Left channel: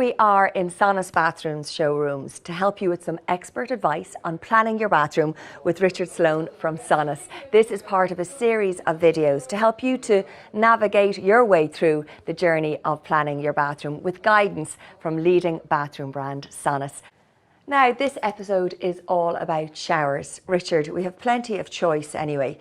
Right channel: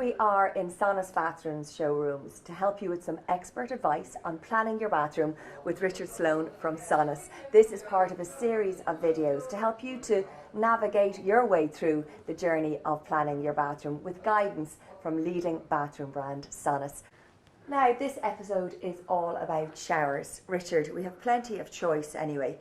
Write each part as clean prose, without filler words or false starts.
we are in SONAS Bathrooms Showrooms to help you with some expert advice on planning your bathroom with Richard Sloan from SONAS. This is part of a series of videos to help you to navigate your way through the journey of planning your bathroom with guidance from leading bathroom brand SONAS. Now, this episode is all about showers. Richard, we have plenty of choice anyway.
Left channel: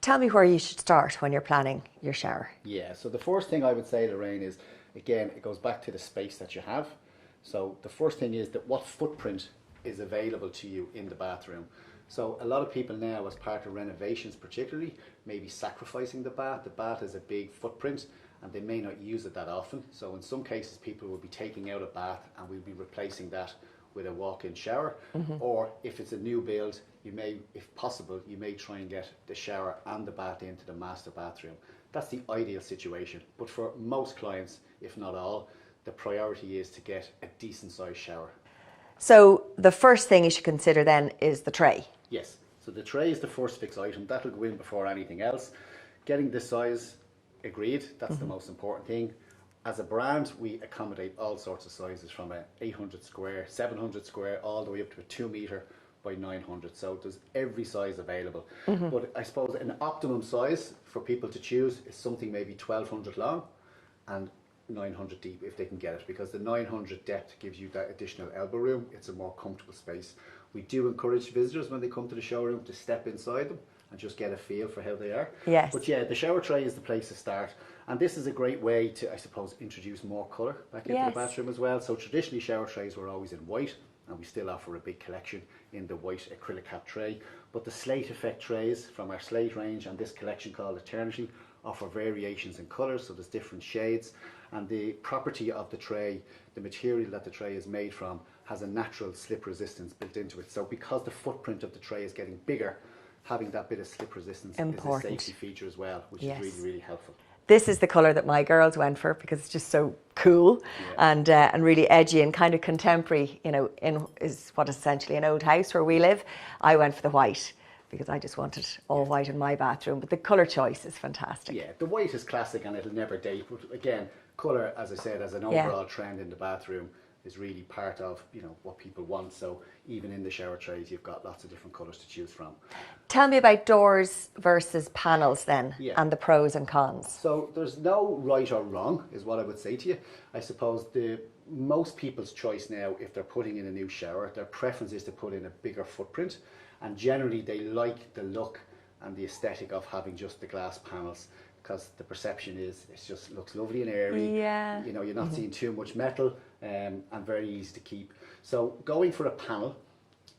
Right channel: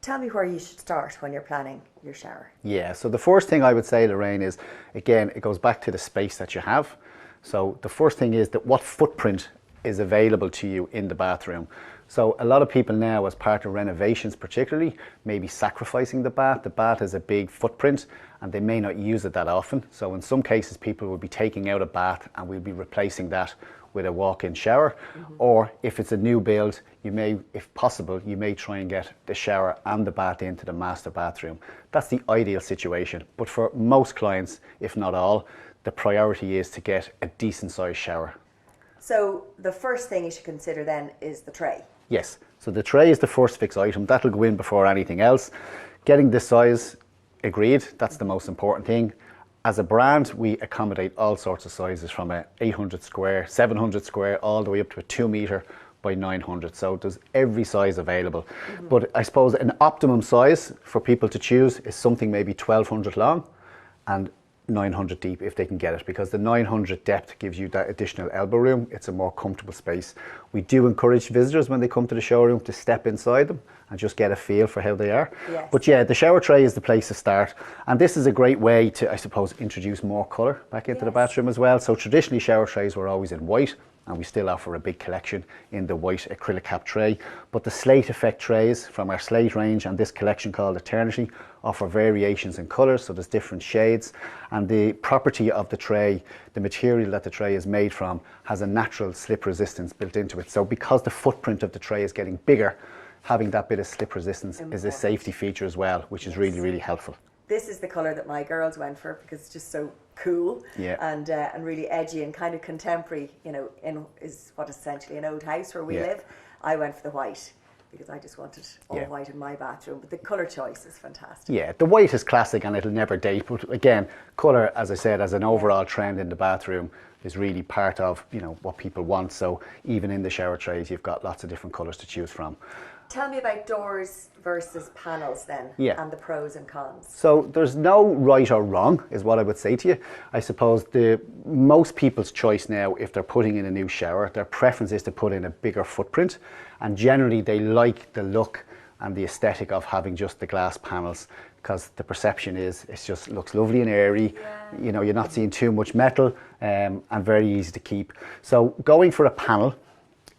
Tell me where you should start when you're planning your shower. Yeah, so the first thing I would say, Lorraine, is, again, it goes back to the space that you have. So the first thing is that what footprint is available to you in the bathroom. So a lot of people now, as part of renovations particularly, may be sacrificing the bath. The bath has a big footprint and they may not use it that often. So in some cases, people will be taking out a bath and we'll be replacing that with a walk-in shower. Or if it's a new build, you may, if possible, you may try and get the shower and the bath into the master bathroom. That's the ideal situation. But for most clients, if not all, the priority is to get a decent sized shower. So the first thing you should consider then is the tray. Yes, so the tray is the first fixed item. That'll go in before anything else. Getting the size agreed, that's the most important thing. As a brand, we accommodate all sorts of sizes from a 800 square, 700 square, all the way up to a 2 metre by 900. So there's every size available. But I suppose an optimum size for people to choose is something maybe 1200 long and 900 deep if they can get it, because the 900 depth gives you that additional elbow room. It's a more comfortable space. We do encourage visitors when they come to the showroom to step inside them and just get a feel for how they are. Yes. But yeah, the shower tray is the place to start. And this is a great way to, I suppose, introduce more colour back into the bathroom as well. So traditionally shower trays were always in white, and we still offer a big collection in the white acrylic cap tray. But the slate effect trays from our slate range and this collection called Eternity offer variations in colours, so there's different shades. And the property of the tray, the material that the tray is made from, has a natural slip resistance built into it. So because the footprint of the tray is getting bigger, having that bit of slip resistance is a safety feature as well, which is really, really helpful. This is the colour that my girls went for because it's just so cool and really edgy and kind of contemporary, you know, is what is essentially an old house where we live. I went for the white because I just wanted all white in my bathroom, but the colour choice is fantastic. Yeah, the white is classic and it'll never date, but again, colour, as I said, as an overall trend in the bathroom, is really part of, you know, what people want. So even in the shower trays, you've got lots of different colours to choose from. Tell me about doors versus panels then, and the pros and cons. So there's no right or wrong, is what I would say to you. I suppose most people's choice now, if they're putting in a new shower, their preference is to put in a bigger footprint, and generally they like the look and the aesthetic of having just the glass panels, because the perception is it just looks lovely and airy. You know, you're not seeing too much metal, and very easy to keep. So going for a panel,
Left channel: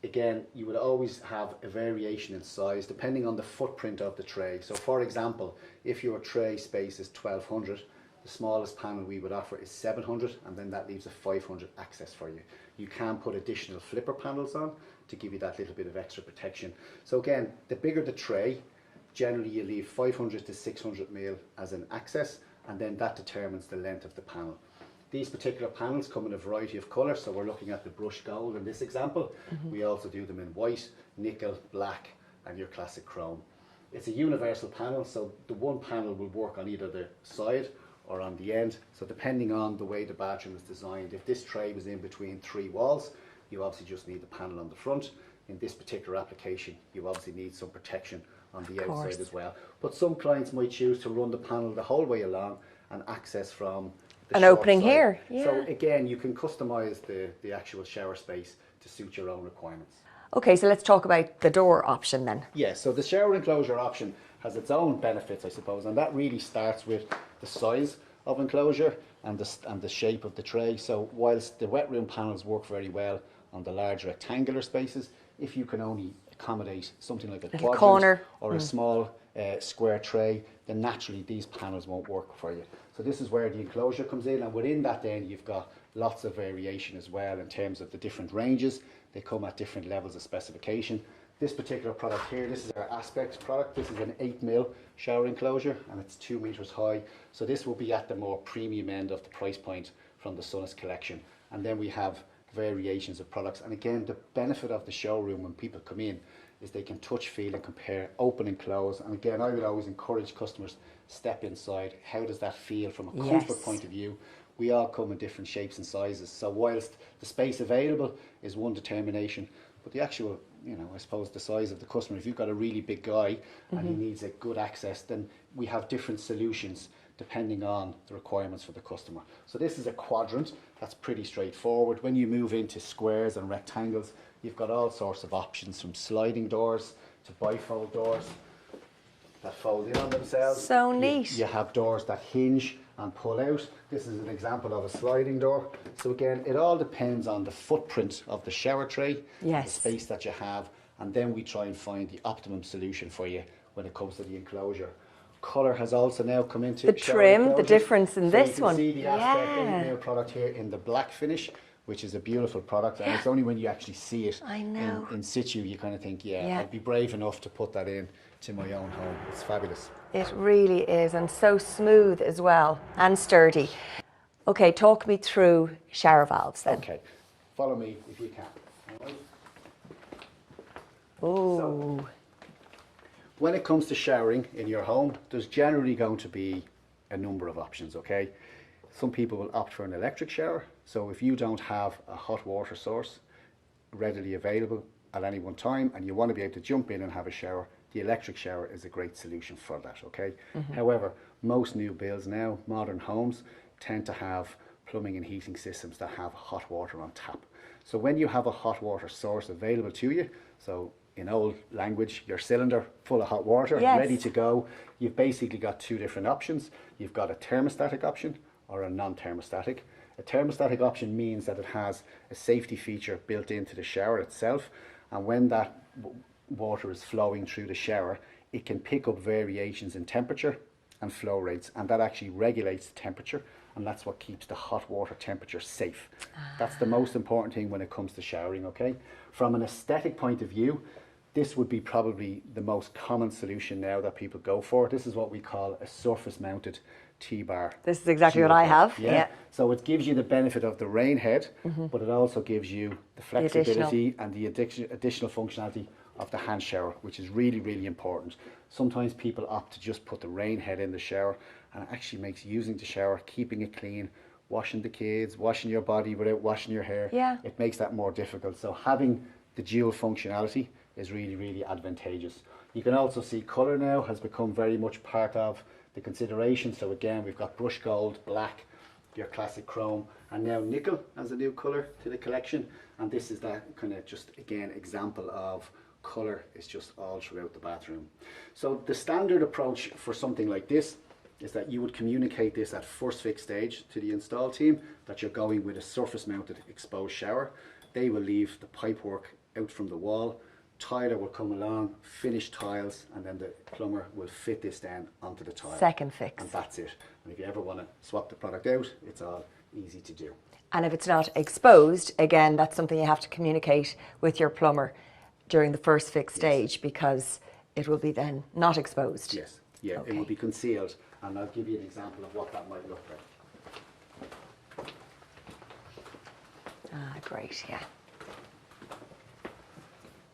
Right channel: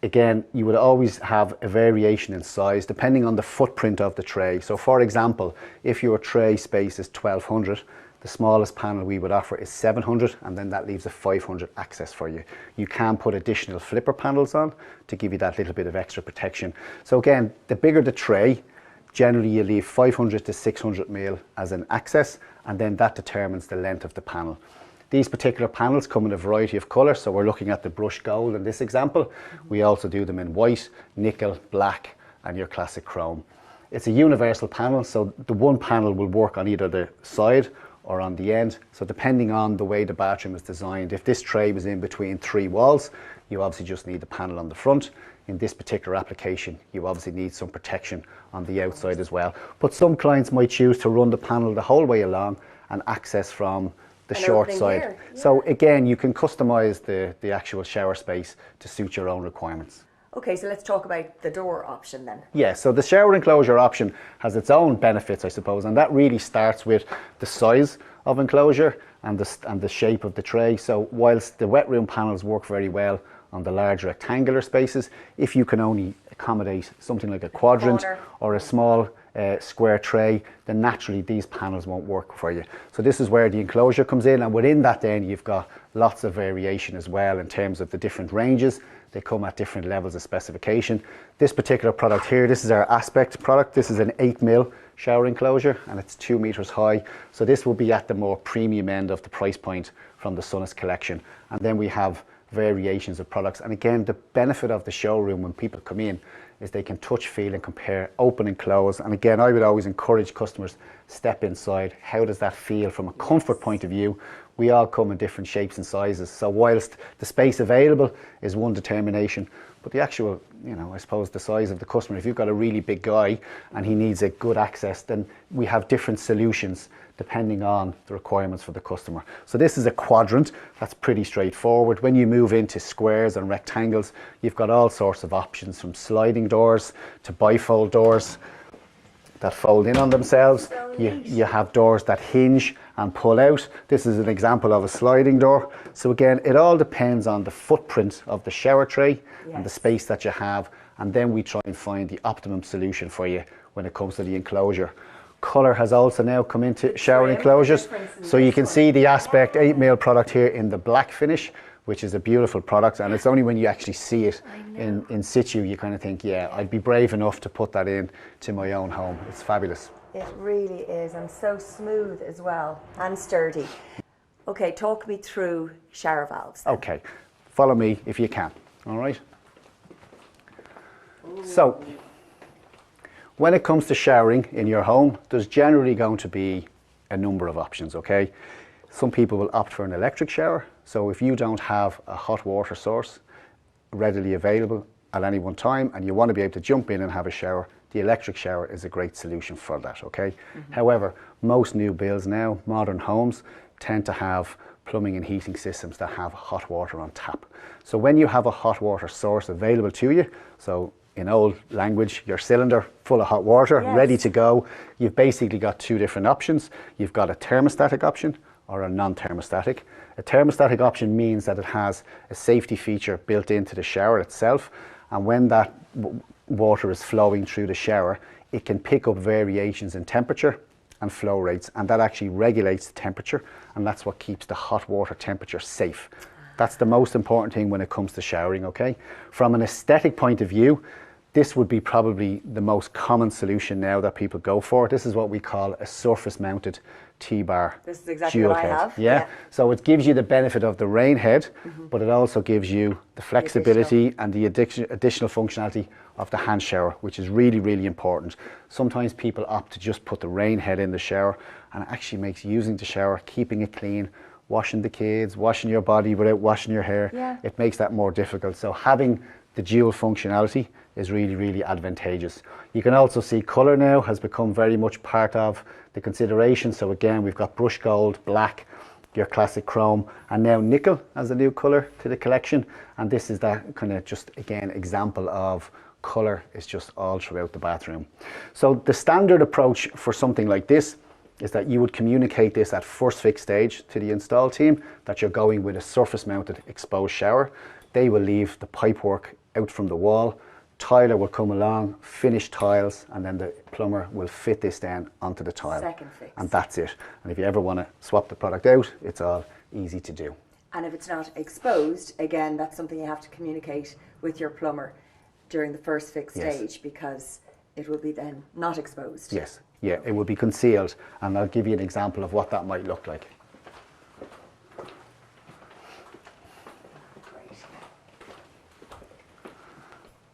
again, you would always have a variation in size depending on the footprint of the tray. So for example, if your tray space is 1200, the smallest panel we would offer is 700, and then that leaves a 500 access for you. You can put additional flipper panels on to give you that little bit of extra protection. So again, the bigger the tray, generally you leave 500 to 600 mil as an access, and then that determines the length of the panel. These particular panels come in a variety of colours, so we're looking at the brushed gold in this example. We also do them in white, nickel, black, and your classic chrome. It's a universal panel, so the one panel will work on either the side or on the end. So depending on the way the bathroom is designed, if this tray was in between 3 walls, you obviously just need the panel on the front. In this particular application, you obviously need some protection on the outside as well. But some clients might choose to run the panel the whole way along and access from the short side. Here. So again, you can customize the actual shower space to suit your own requirements. Okay, so let's talk about the door option then. Yeah, so the shower enclosure option has its own benefits, I suppose, and that really starts with the size of enclosure and the shape of the tray. So whilst the wet room panels work very well on the large rectangular spaces, if you can only accommodate something like a quadrant or a small square tray, then naturally these panels won't work for you. So this is where the enclosure comes in, and within that then you've got lots of variation as well in terms of the different ranges. They come at different levels of specification. This particular product here, this is our Aspect product. This is an 8 mil shower enclosure and it's 2 meters high. So this will be at the more premium end of the price point from the SONAS collection. And then we have variations of products. And again, the benefit of the showroom when people come in is they can touch, feel and compare, open and close. And again, I would always encourage customers, step inside. How does that feel from a comfort point of view? We all come in different shapes and sizes. So whilst the space available is one determination, but the actual, I suppose the size of the customer, if you've got a really big guy and he needs a good access, then we have different solutions depending on the requirements for the customer. So this is a quadrant. That's pretty straightforward. When you move into squares and rectangles, you've got all sorts of options, from sliding doors to bifold doors that fold in on themselves. So neat. You have doors that hinge and pull out. This is an example of a sliding door. So again, it all depends on the footprint of the shower tray and the space that you have, and then we try and find the optimum solution for you when it comes to the enclosure. Colour has also now come into the shower trim, enclosures. The difference in so this you can one. see the Aspect 8mm product here in the black finish, which is a beautiful product, and it's only when you actually see it in situ you kind of think, I'd be brave enough to put that in to my own home. It's fabulous. It really is, and so smooth as well, and sturdy. Okay, talk me through shower valves then. Okay, follow me if you can, all right? Ooh. So, when it comes to showering in your home, there's generally going to be a number of options, okay? Some people will opt for an electric shower. So if you don't have a hot water source readily available at any one time and you want to be able to jump in and have a shower, the electric shower is a great solution for that, okay? However, most new builds now, modern homes, tend to have plumbing and heating systems that have hot water on tap. So when you have a hot water source available to you, so in old language, your cylinder full of hot water, ready to go, you've basically got two different options. You've got a thermostatic option or a non-thermostatic. A thermostatic option means that it has a safety feature built into the shower itself, and when that water is flowing through the shower, it can pick up variations in temperature and flow rates, and that actually regulates the temperature, and that's what keeps the hot water temperature safe. That's the most important thing when it comes to showering, okay? From an aesthetic point of view, this would be probably the most common solution now that people go for. This is what we call a surface mounted T-bar. This is exactly what I have. Yeah. So it gives you the benefit of the rain head, but it also gives you the flexibility and the additional functionality of the hand shower, which is really, really important. Sometimes people opt to just put the rain head in the shower, and it actually makes using the shower, keeping it clean, washing the kids, washing your body without washing your hair, it makes that more difficult. So having the dual functionality is really, really advantageous. You can also see colour now has become very much part of the consideration. So again, we've got brush gold, black, your classic chrome, and now nickel as a new colour to the collection. And this is that kind of just, again, example of colour is just all throughout the bathroom. So the standard approach for something like this is that you would communicate this at first fix stage to the install team that you're going with a surface mounted exposed shower. They will leave the pipework out from the wall. Tiler will come along, finish tiles, and then the plumber will fit this down onto the tile. Second fix. And that's it. And if you ever want to swap the product out, it's all easy to do. And if it's not exposed, again, that's something you have to communicate with your plumber during the first fix stage, because it will be then not exposed. Yes, yeah, it will be concealed, and I'll give you an example of what that might look like. Great, yeah.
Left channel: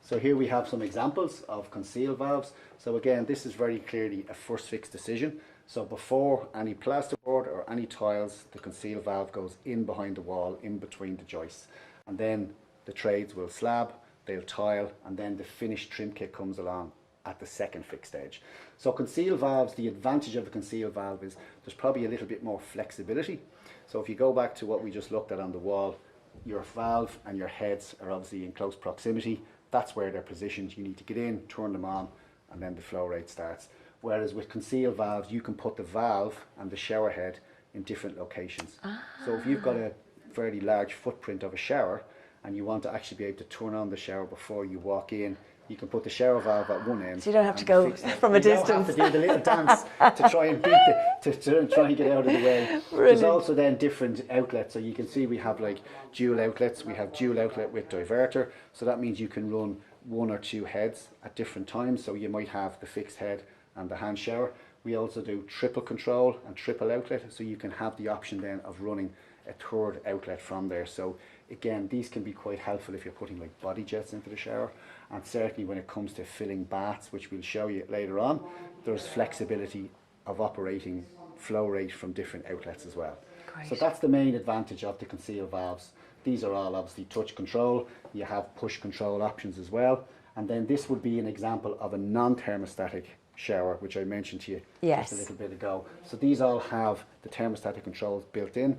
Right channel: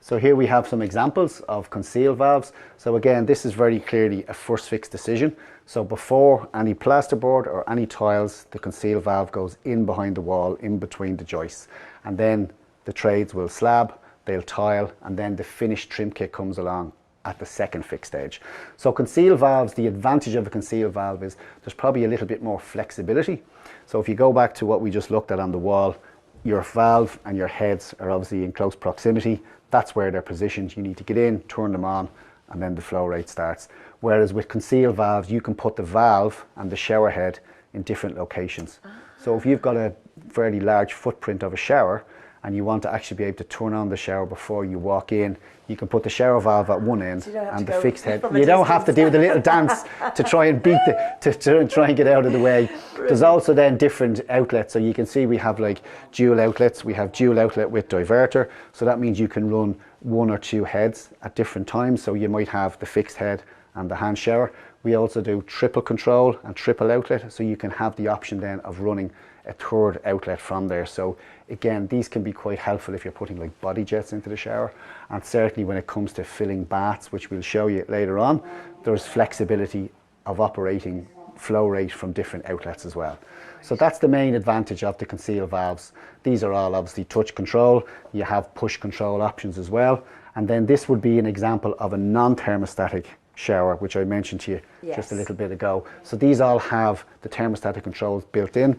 So here we have some examples of conceal valves. So again, this is very clearly a first fix decision. So before any plasterboard or any tiles, the conceal valve goes in behind the wall, in between the joists. And then the trades will slab, they'll tile, and then the finished trim kit comes along at the second fix stage. So conceal valves, the advantage of a conceal valve is there's probably a little bit more flexibility. So if you go back to what we just looked at on the wall, your valve and your heads are obviously in close proximity. That's where they're positioned. You need to get in, turn them on, and then the flow rate starts. Whereas with conceal valves, you can put the valve and the shower head in different locations. So if you've got a fairly large footprint of a shower and you want to actually be able to turn on the shower before you walk in, you can put the shower valve at one end, so you don't have and to the fixed head. You don't have to do the little dance to try and beat to try and get out of the way. Brilliant. There's also then different outlets. So you can see we have like dual outlets. We have dual outlet with diverter. So that means you can run one or two heads at different times. So you might have the fixed head and the hand shower, We also do triple control and triple outlet, so you can have the option then of running a third outlet from there. So again, these can be quite helpful if you're putting like body jets into the shower, and certainly when it comes to filling baths, which we'll show you later on, there's flexibility of operating flow rate from different outlets as well. Right. So that's the main advantage of the concealed valves. These are all obviously touch control. You have push control options as well. And then this would be an example of a non-thermostatic shower, which I mentioned to you just a little bit ago. So these all have the thermostatic controls built in.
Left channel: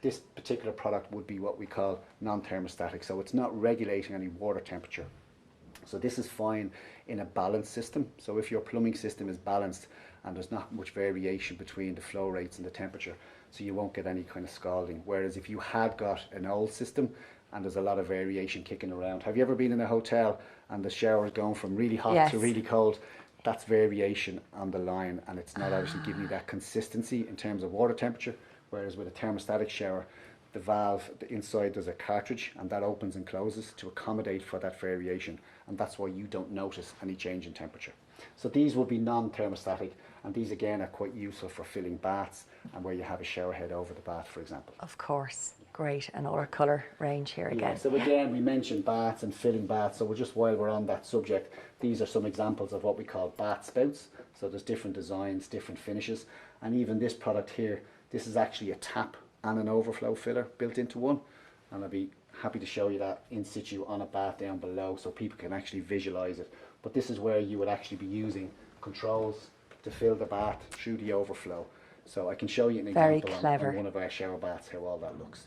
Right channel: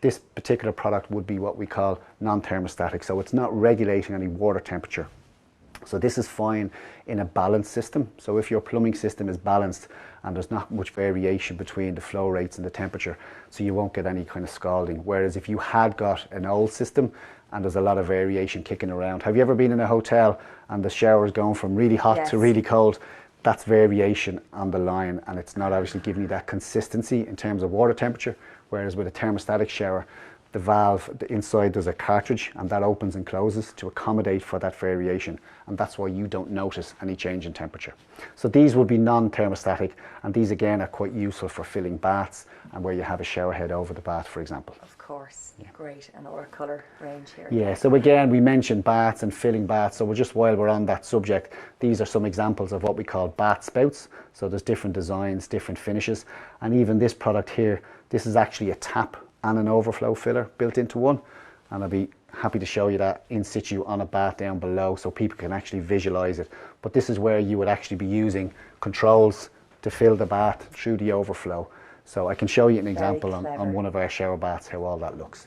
This particular product would be what we call non-thermostatic, so it's not regulating any water temperature. So this is fine in a balanced system. So if your plumbing system is balanced and there's not much variation between the flow rates and the temperature, so you won't get any kind of scalding. Whereas if you had got an old system and there's a lot of variation kicking around. Have you ever been in a hotel and the shower is going from really hot to really cold? That's variation on the line, and it's not obviously giving you that consistency in terms of water temperature. Whereas with a thermostatic shower, the valve, the inside, there's a cartridge, and that opens and closes to accommodate for that variation, and that's why you don't notice any change in temperature. So these would be non-thermostatic, and these again are quite useful for filling baths and where you have a shower head over the bath, for example. Of course, great, and our colour range here again. Yeah, so again, we mentioned baths and filling baths, so just while we're on that subject, these are some examples of what we call bath spouts. So there's different designs, different finishes, and even this product here, this is actually a tap and an overflow filler built into one, and I'll be happy to show you that in situ on a bath down below so people can actually visualize it. But this is where you would actually be using controls to fill the bath through the overflow. So I can show you an example on one of our shower baths how all that looks.